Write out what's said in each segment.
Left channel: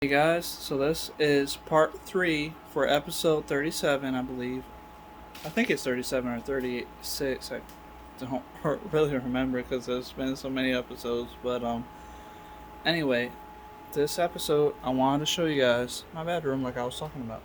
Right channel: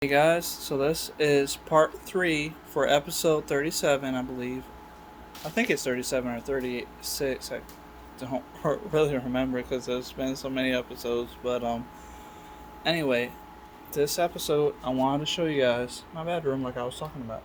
Hey guys, so this is part 3 for episode 37, I believe. I think it's 37 or 36. I don't really remember because there's been so many episodes. But anyway, this episode I wanted to show you guys my bedroom like I was talking about.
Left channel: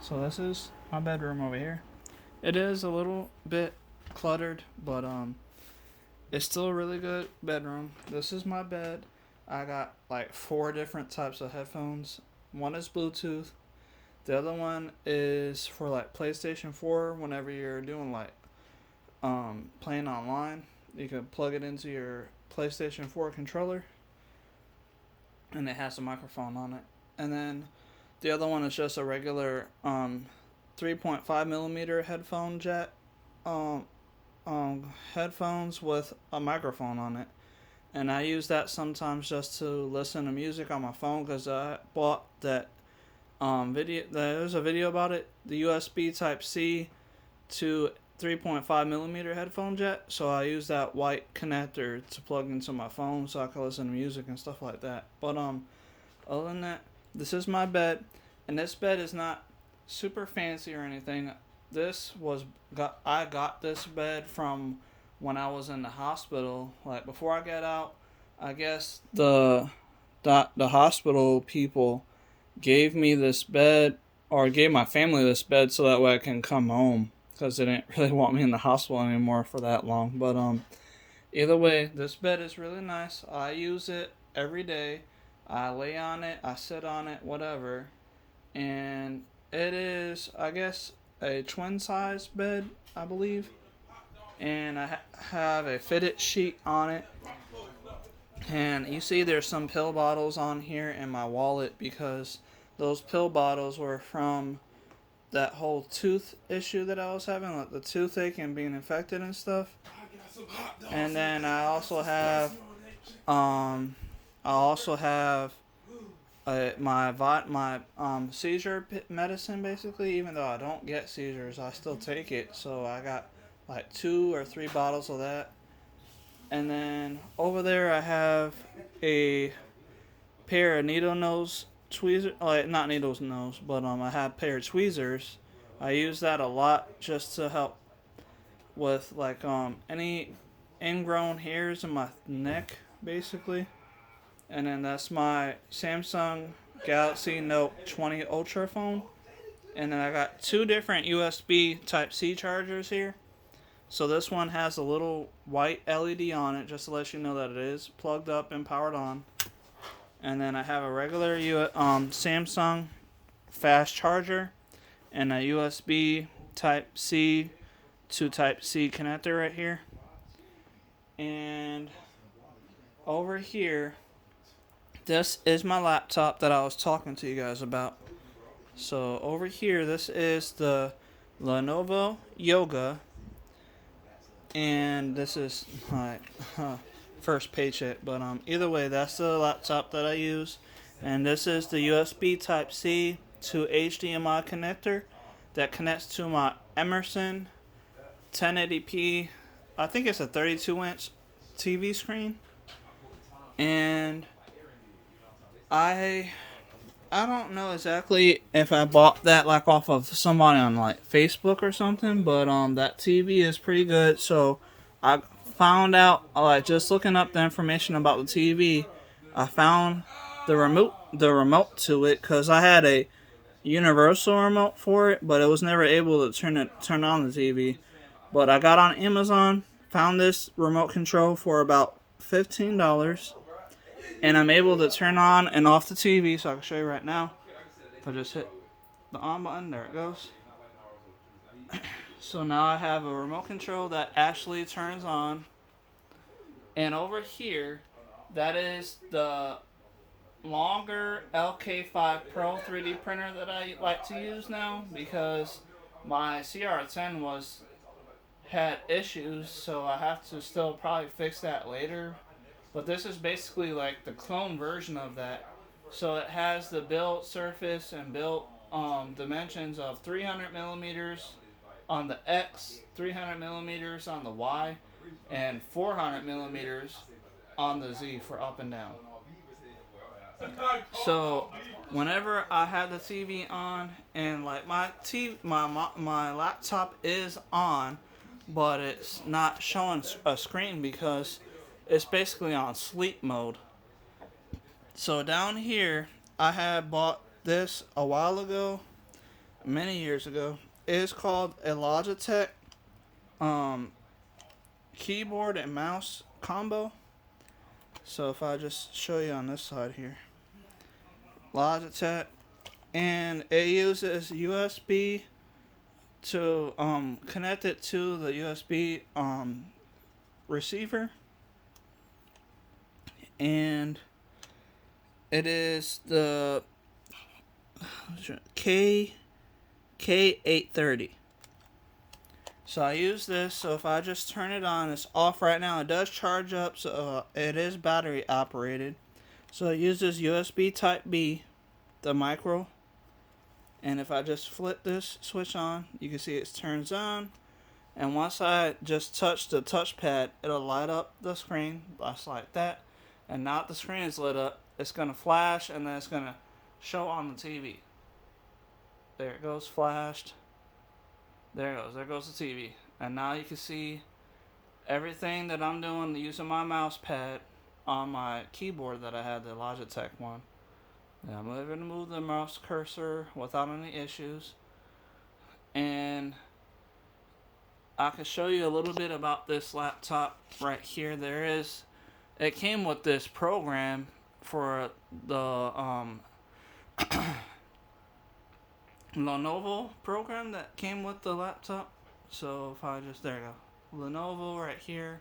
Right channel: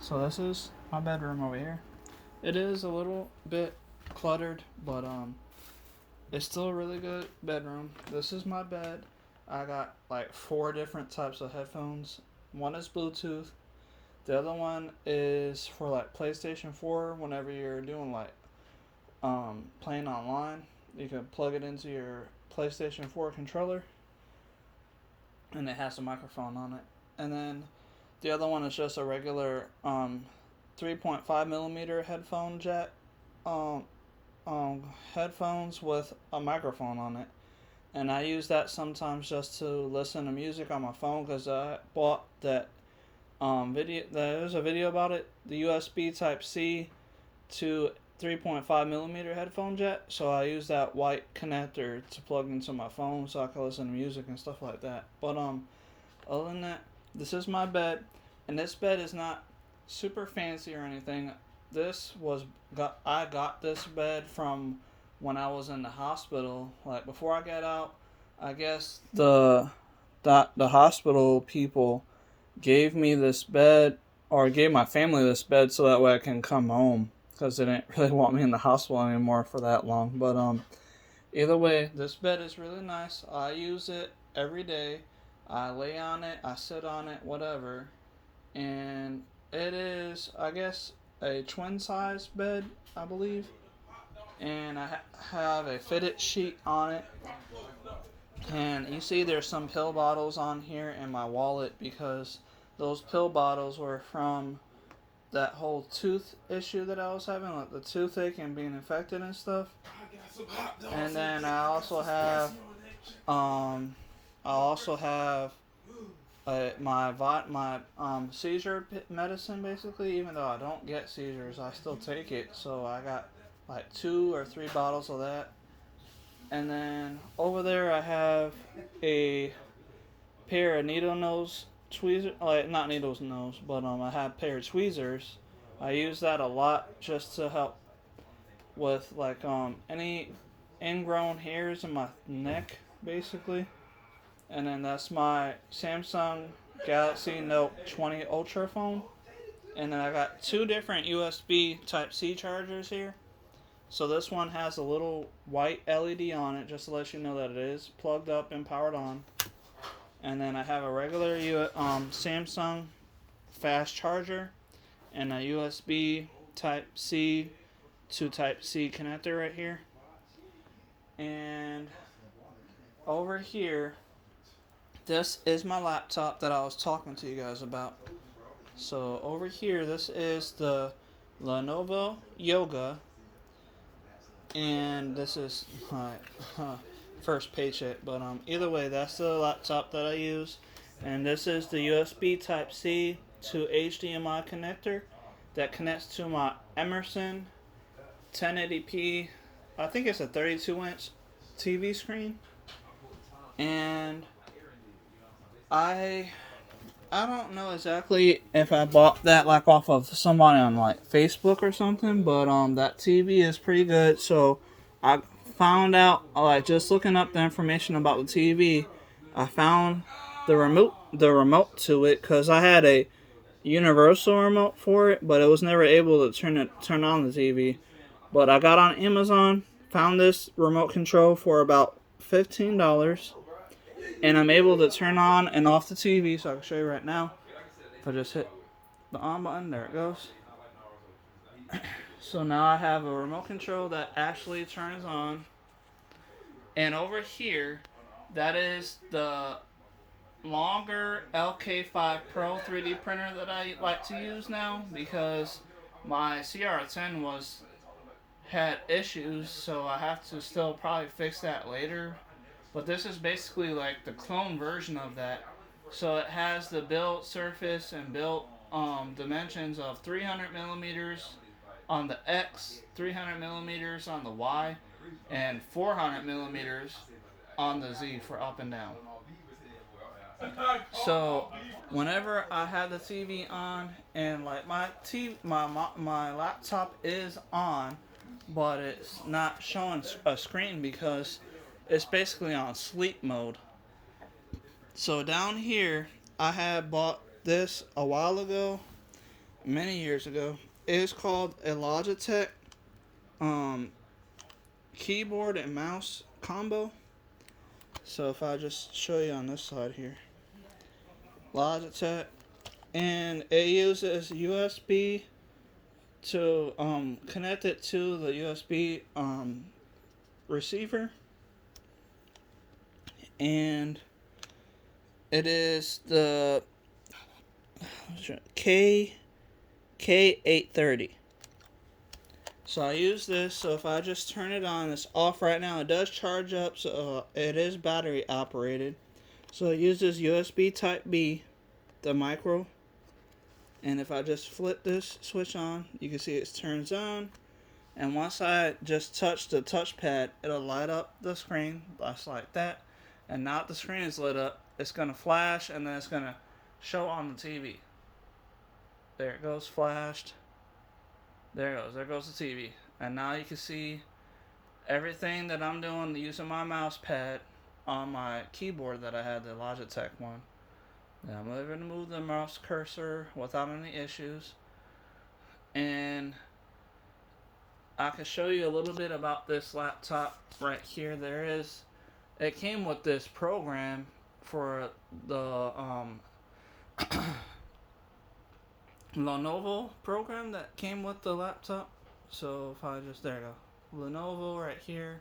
So this is my bedroom over here. It is a little bit cluttered, but it's still a really good bedroom. This is my bed. I got like 4 different types of headphones. One is Bluetooth. The other one is for like PlayStation 4 whenever you're doing like playing online. You can plug it into your PlayStation 4 controller and it has a microphone on it. And then the other one is just a regular 3.5 millimeter headphone jack um, headphones with a microphone on it. And I use that sometimes just to listen to music on my phone because I bought that video. There's a video about it. The USB Type C to 3.5 millimeter headphone jack. So I use that white connector to plug into my phone so I can listen to music and stuff like that. But other than that, this is my bed, and this bed is not super fancy or anything. I got this bed from when I was in the hospital. Like before I got out, I guess the hospital people gave me this bed or gave my family this bed so that way I can come home because they didn't really want me in the hospital anymore for that long. But either way, this bed is really nice. I use it every day. I lay on it, I sit on it, whatever. And it is, I guess, a twin size bed, I believe. And I have a fitted sheet on it. And you see there's some pill bottles on here in my wallet because those pill bottles were from that whole tooth issue that I was having, like the toothache and being infected and stuff. And then I also have my seizure medicine basically. Even though I don't get seizures, I still take it. So I got like 2 or 3 bottles of that. And then over there I have a pair of needle nose tweezers, like not needles nose, but I have a pair of tweezers. I use that a lot just to help with like any ingrown hairs in my neck, basically. And then that's my Samsung Galaxy Note 20 Ultra phone. And then I got 2 different USB Type C chargers here. So this one has a little white LED on it just to let you know that it is plugged up and powered on. And then I have a regular Samsung fast charger and a USB Type C to Type C connector right here. And over here, this is my laptop that I was talking to you guys about. So over here, this is the Lenovo Yoga. And this is my first paycheck. But either way, that's the laptop that I use. And this is the USB Type C to HDMI connector that connects to my Emerson 1080p. I think it's a 32-inch TV screen. And I don't know exactly if I bought that like off of somebody on like Facebook or something, but that TV is pretty good. So I found out like just looking up the information about the TV, I found the remote to it because I had a universal remote for it, but it was never able to turn on the TV. But I got on Amazon, found this remote control for about $15, and I'm able to turn on and off the TV. So I can show you right now. I just hit the on button. There it goes. So now I have a remote control that actually turns on. And over here, that is the longer LK5 Pro 3D printer that I like to use now because my CR10 had issues, so I have to still probably fix that later. But this is basically like the clone version of that. So it has the built surface and built dimensions of 300 millimeters on the X, 300 millimeters on the Y, and 400 millimeters on the Z for up and down. So whenever I have the TV on and like my laptop is on, but it's not showing a screen because it's basically on sleep mode. So down here, I had bought this a while ago, many years ago. It's called a Logitech um, keyboard and mouse combo. So if I just show you on this side here, Logitech, and it uses USB to connect it to the USB receiver, and it is the K830. So I use this. So if I just turn it on, it's off right now. It does charge up, so it is battery operated. So it uses USB Type B, the micro. And if I just flip this switch on, you can see it turns on. And once I just touch the touchpad, it'll light up the screen just like that. And now that the screen is lit up, it's going to flash and then it's going to show on the TV. There it goes, flashed. There goes the TV. And now you can see everything that I'm doing using my mouse pad on my keyboard that I had, the Logitech one. And I'm able to move the mouse cursor without any issues. And I can show you a little bit about this laptop right here. It came with this program for the Lenovo program that came with the laptop. So if I just, there you go, Lenovo right here,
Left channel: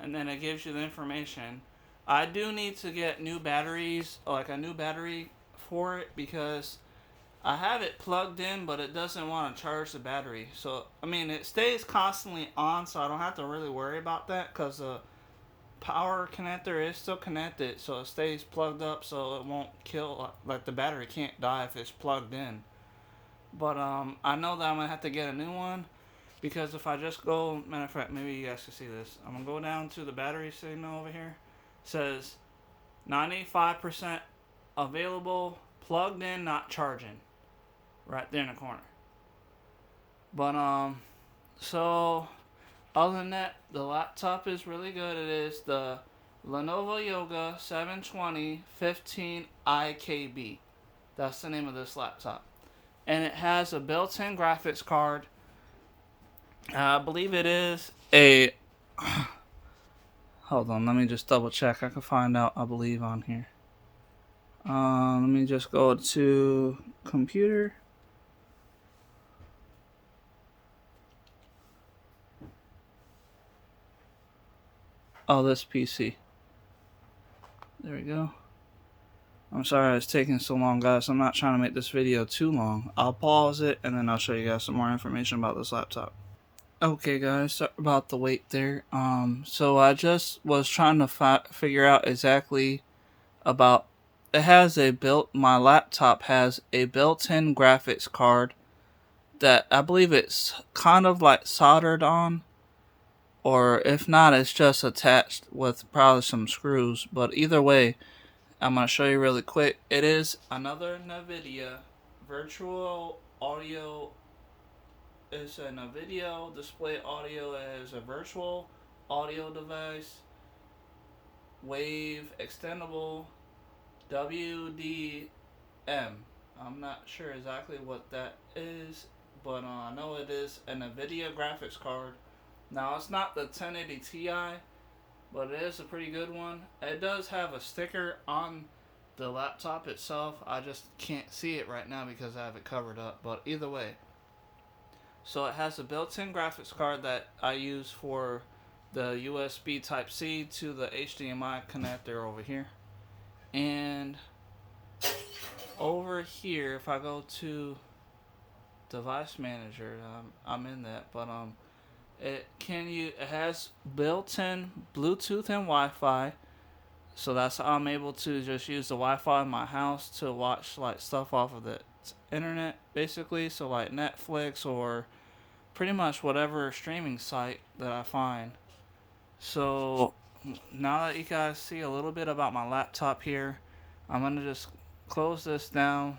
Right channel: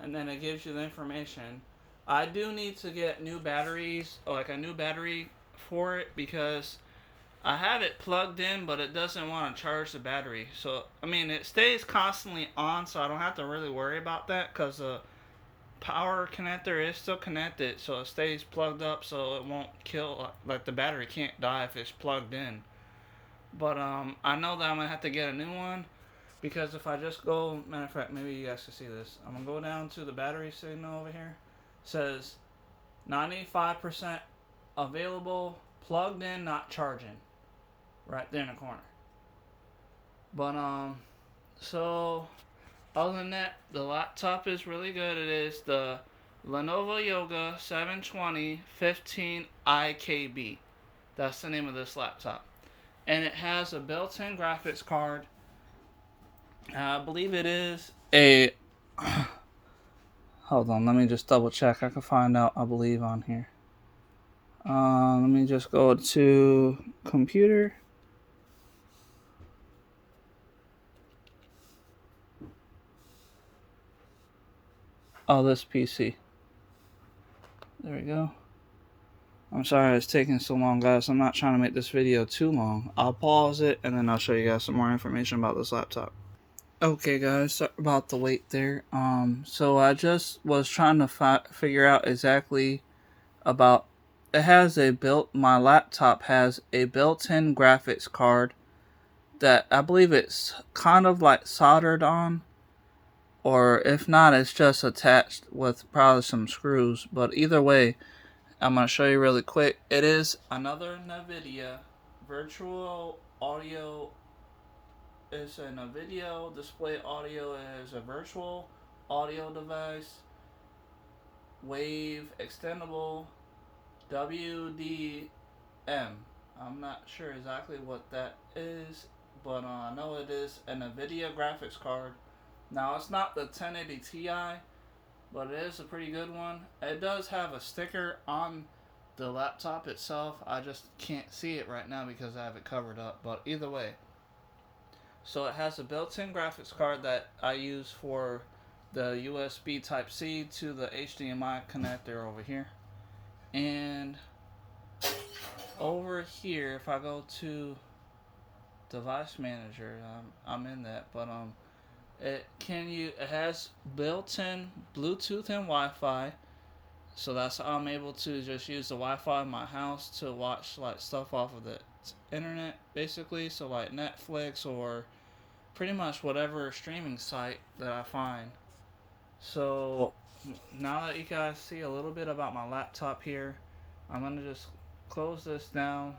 and then it gives you the information. I do need to get new batteries, like a new battery for it, because I have it plugged in, but it doesn't want to charge the battery. So, I mean, it stays constantly on, so I don't have to really worry about that, because the power connector is still connected, so it stays plugged up, so it won't kill, like the battery can't die if it's plugged in. But I know that I'm gonna have to get a new one, because if I just go, matter of fact, maybe you guys can see this. I'm gonna go down to the battery signal over here. It says 95% available, plugged in, not charging, right there in the corner. But so other than that, the laptop is really good. It is the Lenovo Yoga 720 15 IKB. That's the name of this laptop. And it has a built-in graphics card. I believe it is a... Hold on, let me just double check. I can find out, I believe, on here. Let me just go to computer. Oh, this PC. There we go. I'm sorry it's taking so long, guys. I'm not trying to make this video too long. I'll pause it and then I'll show you guys some more information about this laptop. Okay, guys, sorry about the wait there. So I just was trying to figure out exactly about. My laptop has a built-in graphics card that I believe it's kind of like soldered on, or if not, it's just attached with probably some screws. But either way, I'm going to show you really quick. It is another NVIDIA virtual audio. It's a NVIDIA display audio as a virtual audio device. Wave extendable WDM. I'm not sure exactly what that is, but I know it is a NVIDIA graphics card. Now, it's not the 1080 Ti, but it is a pretty good one. It does have a sticker on the laptop itself. I just can't see it right now because I have it covered up, but either way. So it has a built-in graphics card that I use for the USB Type-C to the HDMI connector over here. And over here, if I go to Device Manager, I'm in that, but it has built-in Bluetooth and Wi-Fi, so that's how I'm able to just use the Wi-Fi in my house to watch like stuff off of the internet, basically. So like Netflix or pretty much whatever streaming site that I find. So now that you guys see a little bit about my laptop here, I'm gonna just close this down.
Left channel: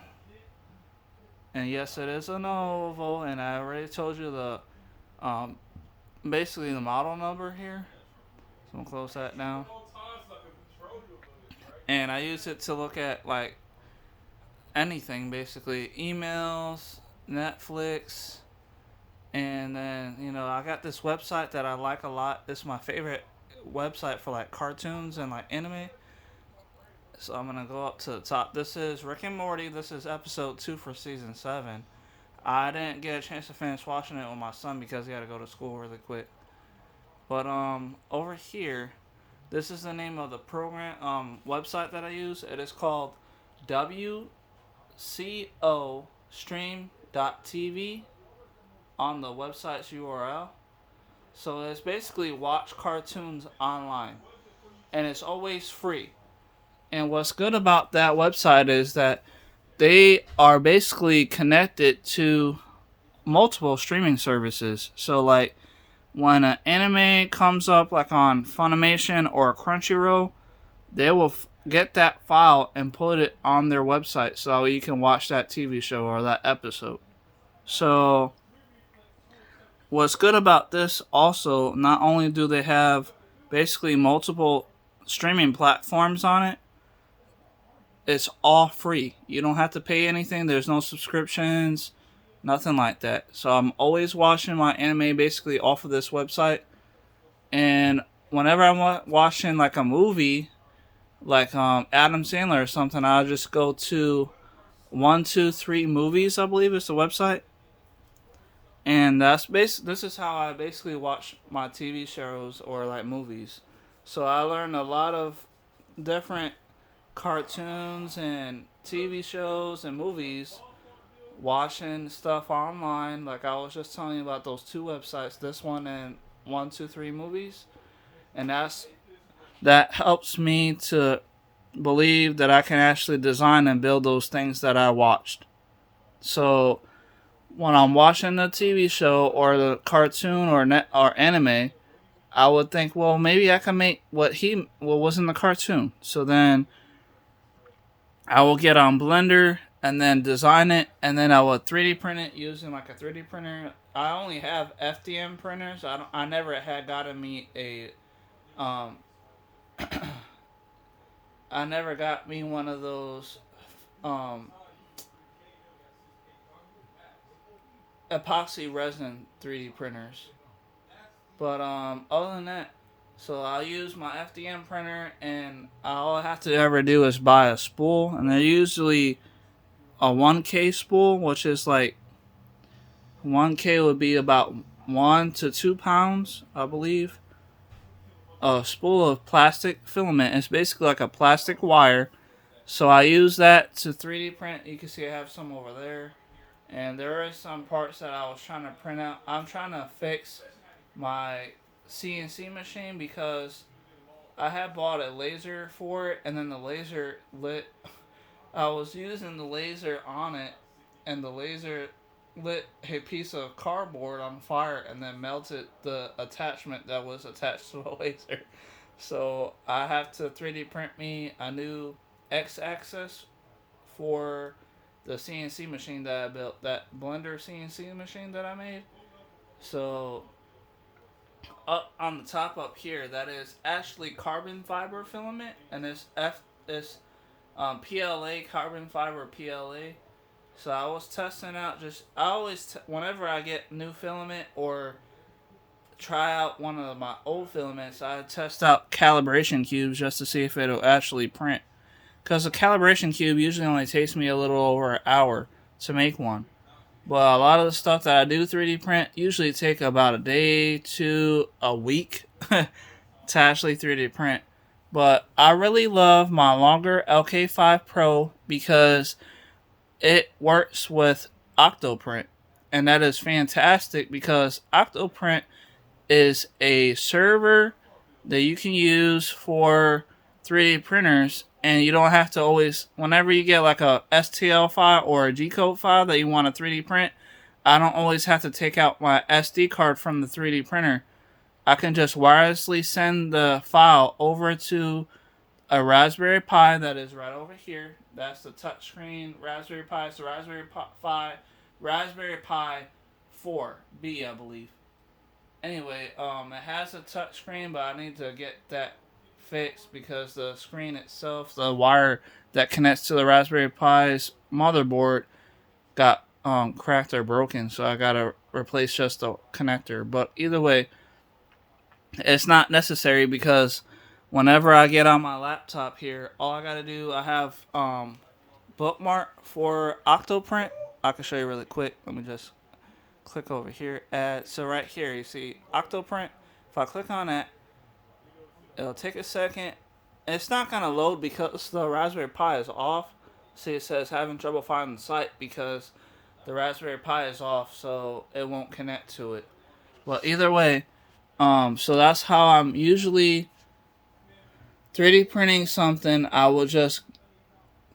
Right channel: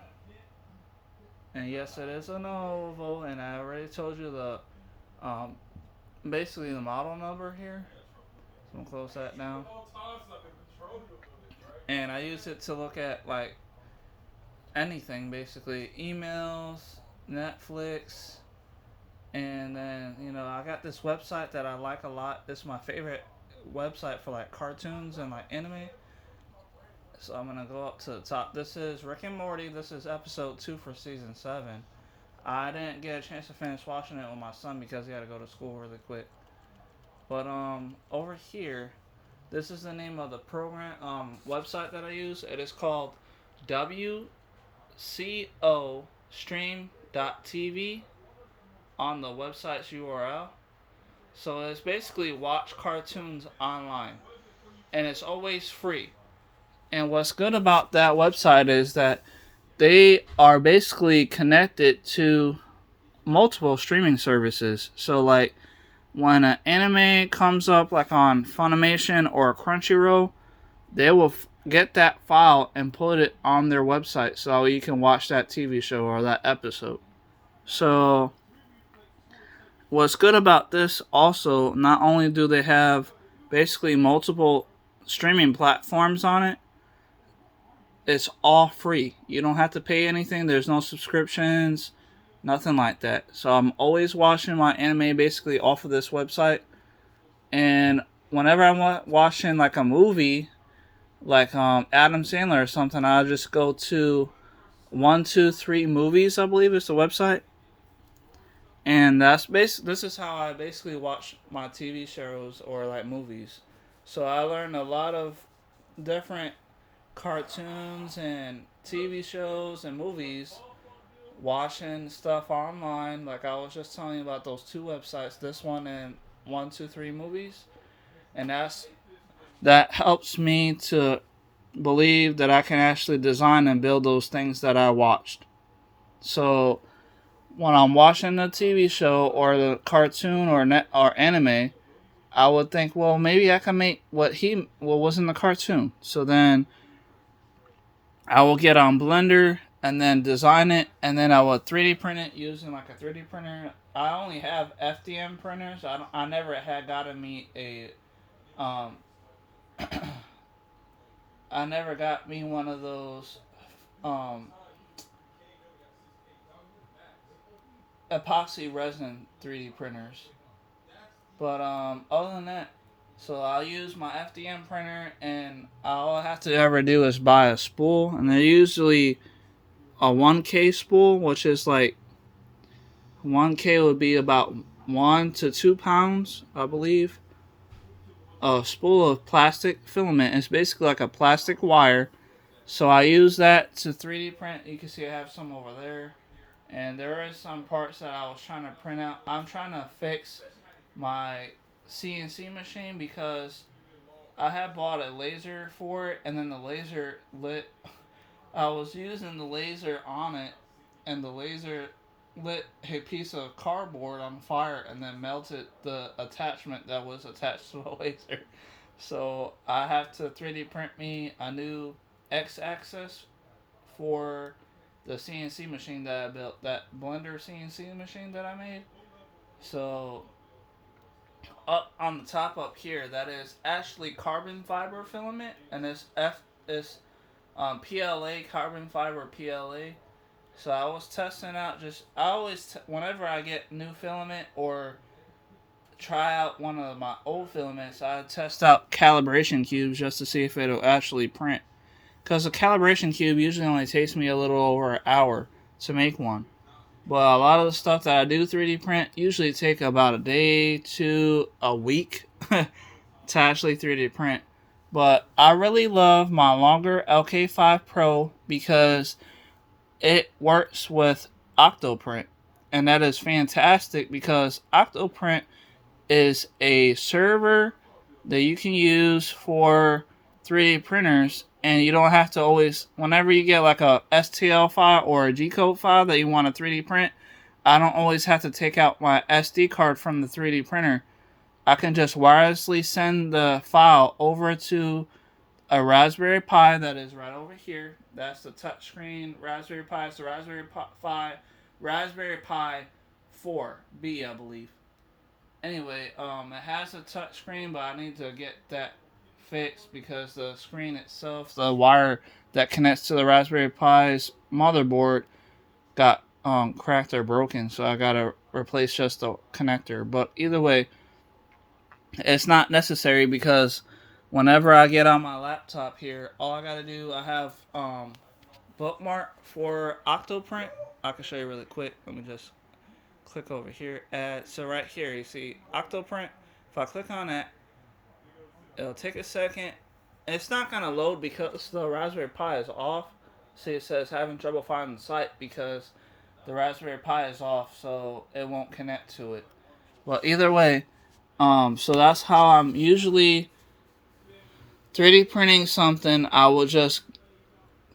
And yes, it is an oval, and I already told you the um, basically the model number here. So I'm gonna close that down. And I use it to look at like anything, basically emails, Netflix, and then I got this website that I like a lot. It's my favorite website for like cartoons and like anime. So I'm gonna go up to the top. This is Rick and Morty. This is episode 2 for season 7. I didn't get a chance to finish watching it with my son because he had to go to school really quick. But over here, this is the name of the program website that I use. It is called WCO Stream.tv on the website's URL. So it's basically watch cartoons online, and it's always free. And what's good about that website is that they are basically connected to multiple streaming services. So like when an anime comes up like on Funimation or Crunchyroll, they will get that file and put it on their website so you can watch that TV show or that episode. So what's good about this also, not only do they have basically multiple streaming platforms on it, it's all free. You don't have to pay anything. There's no subscriptions, nothing like that. So I'm always watching my anime basically off of this website. And whenever I'm watching like a movie, like Adam Sandler or something, I'll just go to 123 Movies, I believe is the website. And this is how I basically watch my TV shows or like movies. So I learned a lot of different cartoons and TV shows and movies watching stuff online. Like I was just telling you about those 2 websites, this one and 123 Movies. And that helps me to believe that I can actually design and build those things that I watched. So when I'm watching the TV show or the cartoon or anime, I would think, well, maybe I can make what was in the cartoon. So then I will get on Blender and then design it, and then I will 3D print it using like a 3D printer. I only have FDM printers. I never had gotten me a I never got me one of those epoxy resin 3D printers. But other than that, so I'll use my FDM printer, and all I have to ever do is buy a spool, and they're usually a 1K spool, which is like 1K would be about 1 to 2 pounds, I believe. A spool of plastic filament. It's basically like a plastic wire. So I use that to 3D print. You can see I have some over there. And there are some parts that I was trying to print out. I'm trying to fix my CNC machine because I had bought a laser for it, and then the laser lit. I was using the laser on it, and the laser lit a piece of cardboard on fire and then melted the attachment that was attached to the laser. So I have to 3D print me a new X-axis for the CNC machine that I built, that Blender CNC machine that I made. So up on the top up here, that is actually carbon fiber filament, and this PLA, carbon fiber PLA. So I was testing out whenever I get new filament or try out one of my old filaments, I test out calibration cubes just to see if it'll actually print. Because a calibration cube usually only takes me a little over an hour to make one. But a lot of the stuff that I do 3D print usually take about a day to a week to actually 3D print. But I really love my longer LK5 Pro because it works with Octoprint. And that is fantastic because Octoprint is a server that you can use for 3D printers, and you don't have to always, whenever you get like a STL file or a G-code file that you want to 3D print, I don't always have to take out my SD card from the 3D printer. I can just wirelessly send the file over to a Raspberry Pi that is right over here. That's the touchscreen Raspberry Pi. It's the Raspberry Pi 4B, I believe. Anyway, it has a touchscreen, but I need to get that fixed because the screen itself, the wire that connects to the Raspberry Pi's motherboard, got cracked or broken. So I gotta replace just the connector. But either way, it's not necessary because whenever I get on my laptop here, all I gotta do, I have bookmark for Octoprint. I can show you really quick. Let me just click over here. So right here, you see Octoprint. If I click on that, it'll take a second. It's not gonna load because the Raspberry Pi is off. See, it says having trouble finding the site because the Raspberry Pi is off, so it won't connect to it. Well, either way, so that's how I'm usually 3D printing something. I will just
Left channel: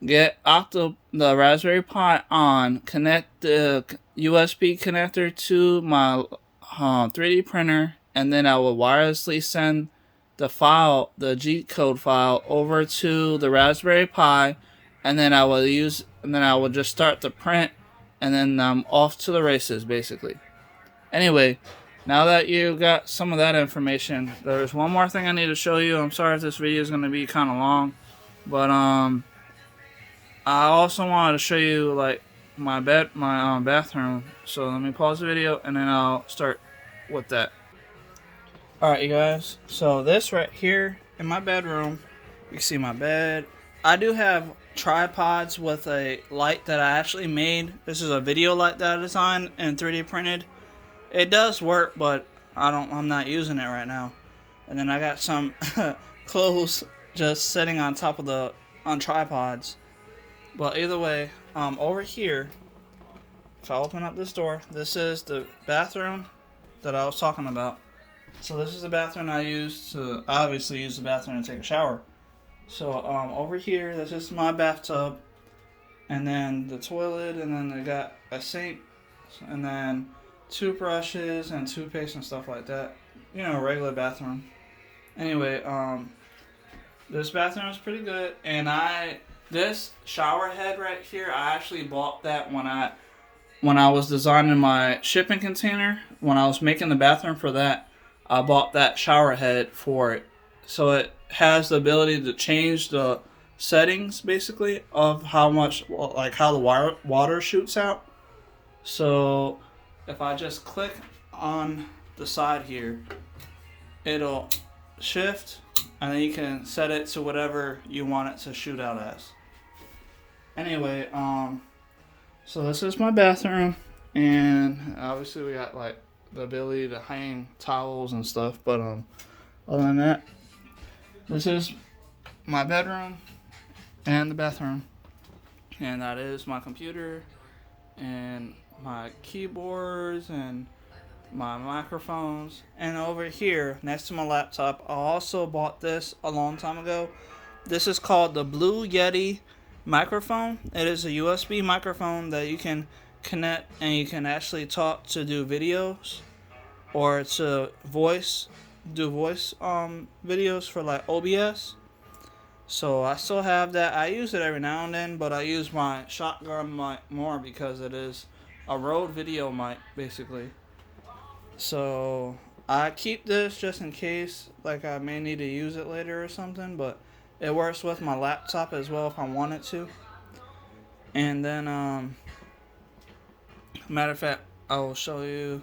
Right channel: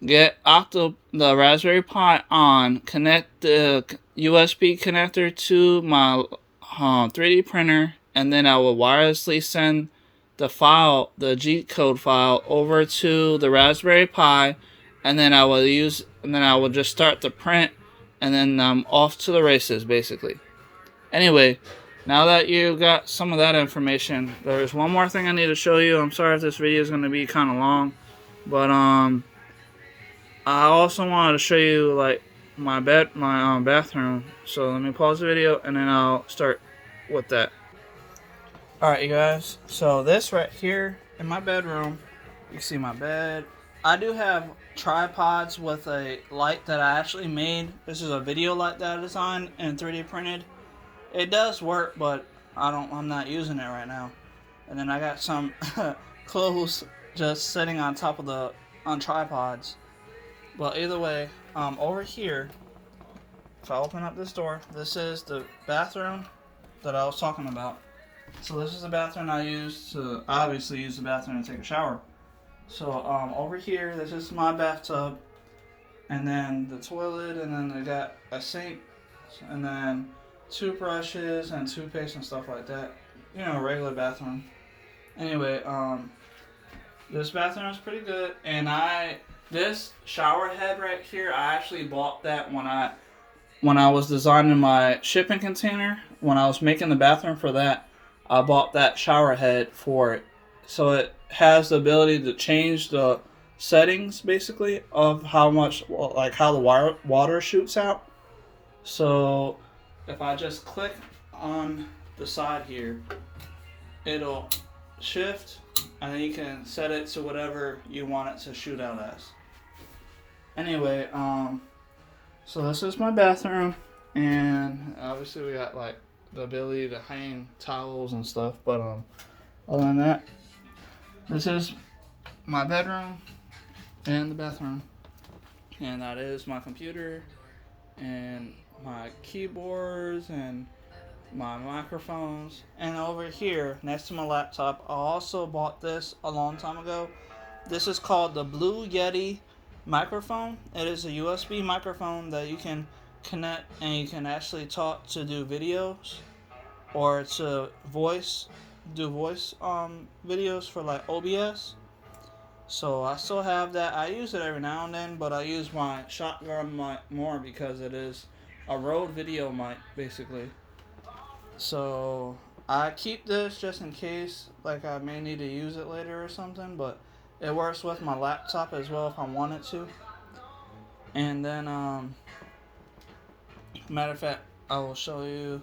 get the Raspberry Pi on, connect the USB connector to my 3D printer, and then I will wirelessly send the file, the G code file, over to the Raspberry Pi, and then I will just start the print, and then I'm off to the races, basically. Anyway, now that you got some of that information, there's one more thing I need to show you. I'm sorry if this video is going to be kind of long, but I also wanted to show you like my bathroom. So let me pause the video and then I'll start with that. Alright, you guys, so this right here in my bedroom, you can see my bed. I do have tripods with a light that I actually made. This is a video light that I designed and 3D printed. It does work, but I'm not using it right now. And then I got some clothes just sitting on top of on tripods. Well, either way, over here, if I open up this door, this is the bathroom that I was talking about. So this is the bathroom I obviously use the bathroom to take a shower. So over here, this is my bathtub, and then the toilet, and then they got a sink, and then toothbrushes and toothpaste and stuff like that. You know, regular bathroom. Anyway, this bathroom is pretty good, and this shower head right here, I actually bought that when I was designing my shipping container. When I was making the bathroom for that, I bought that shower head for it. So it has the ability to change the settings, basically, of how the water shoots out. So if I just click on the side here, it'll shift, and then you can set it to whatever you want it to shoot out as. Anyway, so this is my bathroom, and obviously we got like the ability to hang towels and stuff, but other than that, this is my bedroom and the bathroom, and that is my computer and my keyboards and my microphones. And over here next to my laptop, I also bought this a long time ago. This is called the Blue Yeti microphone. It is a USB microphone that you can connect, and you can actually talk to do videos, or to do voice videos for like OBS. So I still have that. I use it every now and then, but I use my shotgun mic more because it is a Rode video mic, basically. So I keep this just in case, like I may need to use it later or something, but it works with my laptop as well if I wanted to. And then, matter of fact, I will show you.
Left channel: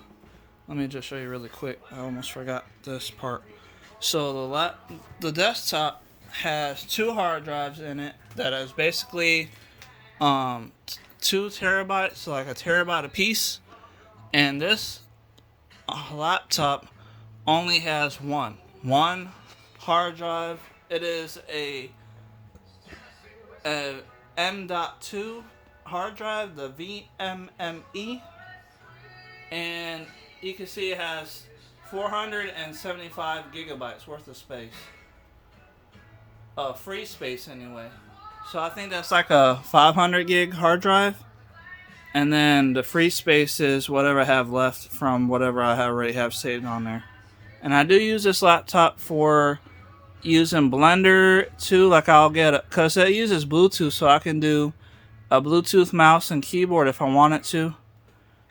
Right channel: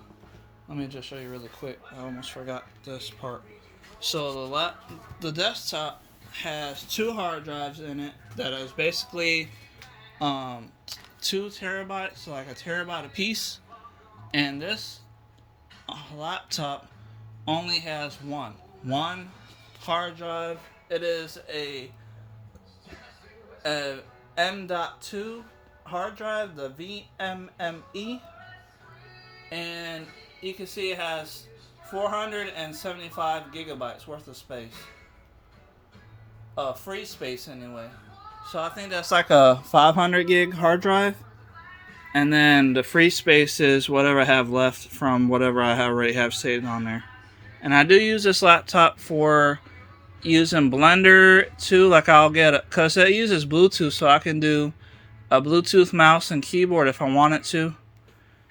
Let me just show you really quick. I almost forgot this part. So the desktop has 2 hard drives in it that is basically 2 terabytes, so like a terabyte a piece. And this laptop only has one hard drive. It is a M.2 hard drive, the VMME, and you can see it has 475 gigabytes worth of space. Free space anyway. So I think that's like a 500 gig hard drive. And then the free space is whatever I have left from whatever I already have saved on there. And I do use this laptop for using Blender too. Like I'll get it because it uses Bluetooth, so I can do a Bluetooth mouse and keyboard if I wanted to.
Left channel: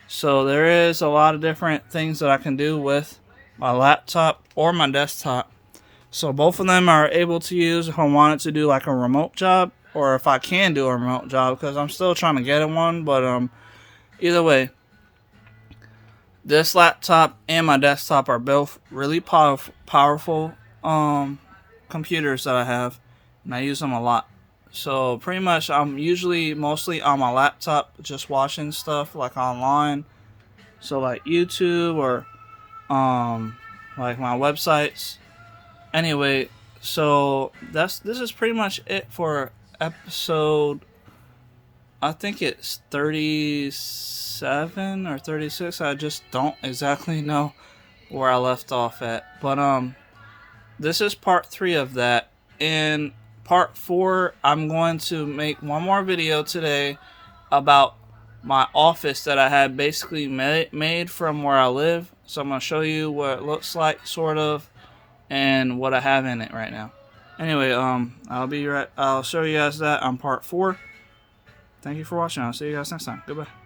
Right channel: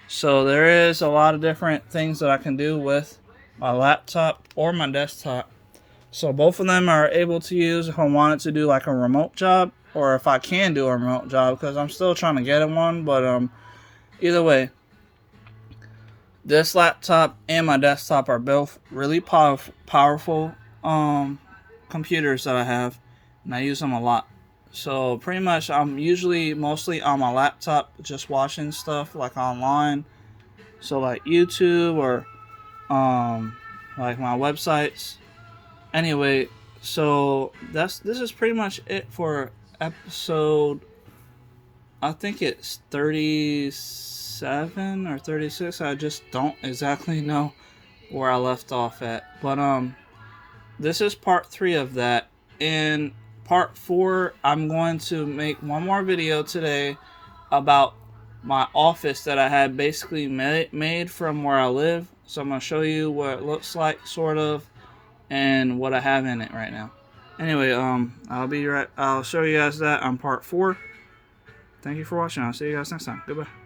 So there is a lot of different things that I can do with my laptop or my desktop. So both of them are able to use if I wanted to do like a remote job, or if I can do a remote job, because I'm still trying to get in one. But either way, this laptop and my desktop are both really powerful computers that I have, and I use them a lot. So pretty much I'm usually mostly on my laptop just watching stuff like online, so like YouTube or like my websites. Anyway, so this is pretty much it for episode, I think it's 37 or 36. I just don't exactly know where I left off at. But this is part 3 of that. In part 4, I'm going to make one more video today about my office that I had basically made from where I live. So I'm going to show you what it looks like, sort of, and what I have in it right now. Anyway, I'll show you guys that on part 4. Thank you for watching. I'll see you guys next time. Goodbye.